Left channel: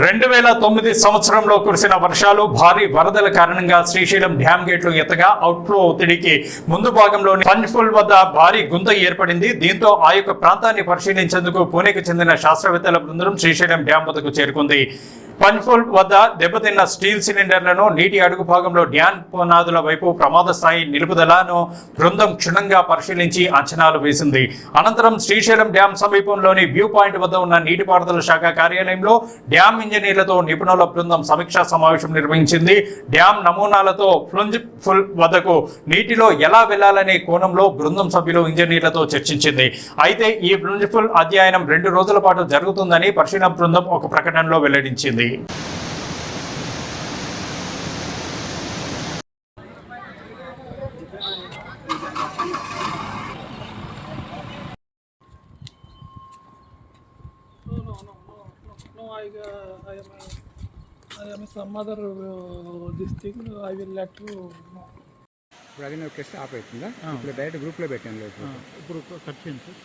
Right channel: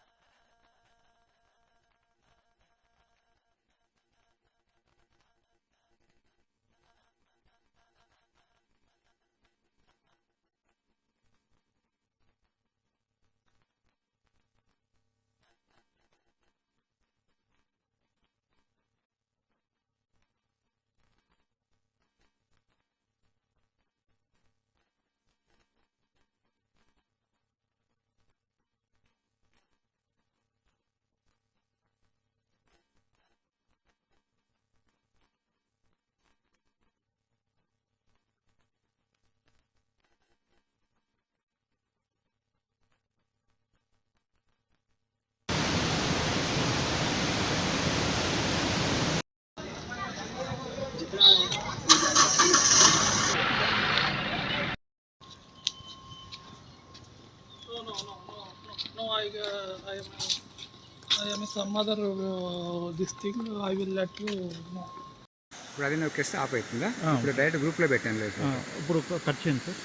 2009 సంవత్సరంలో కురిసిన వర్షాలు భారీ వరదల కారణంగా శ్రీశైలం డ్యాం గేట్లు ఎత్తగా అవుట్ఫ్లో ఒత్తిడికి ముందు భాగంలోని పంచ్ఫుల్ వద్ద భారీ గుంత ఏర్పడింది. దీంతో ఆ యొక్క ప్రాంతాన్ని పరిశీలించేందుకు పూణేకు చెందిన శాస్త్రవేత్తల బృందం శ్రీశైలం డ్యాం వద్దకు చేరుకుంది. పంచ్ఫుల్ వద్ద దెబ్బతిన్న స్టీల్ సిలిండర్లను, నీటి అడుగు భాగంలో డ్యాం పునాదుల వైపు ప్రమాద స్థాయి నిలుపుదలను బృందం క్షుణ్ణంగా పరిశీలించి అంచనాలు వేసింది. అనంతరం శ్రీశైలం డ్యాం సమీపంలోని వ్యూ పాయింట్ వద్ద ఉన్న నీటిపారుదల శాఖ కార్యాలయంలో డ్యాం ఇంజనీర్లతో నిపుణుల బృందం సమీక్షా సమావేశం నిర్వహించింది. డ్యాం నమూనాలతో ప్లంజ్ఫుల్ వద్దకు నీటిలో ఎలా వెళ్లాలనే కోణంలో బృందం సభ్యులు ఇంజనీర్లతో చర్చించింది. అయితే ఈ ప్లంజ్ఫుల్ అధ్యయనం 2 రోజుల పాటు జరుగుతుందని పరిశీలన బృందం ఒక ప్రకటనలో వెల్లడించింది. No, I am some other this thing. I will let you know. ఇప్పుడు అది నొక్కేస్తే ఆఫ్ అవుతుందా? ఇప్పుడు డైరెక్ట్ గ్రూప్లో పెట్టాను లేదు, ఇప్పుడు కట్ చేయండి సార్.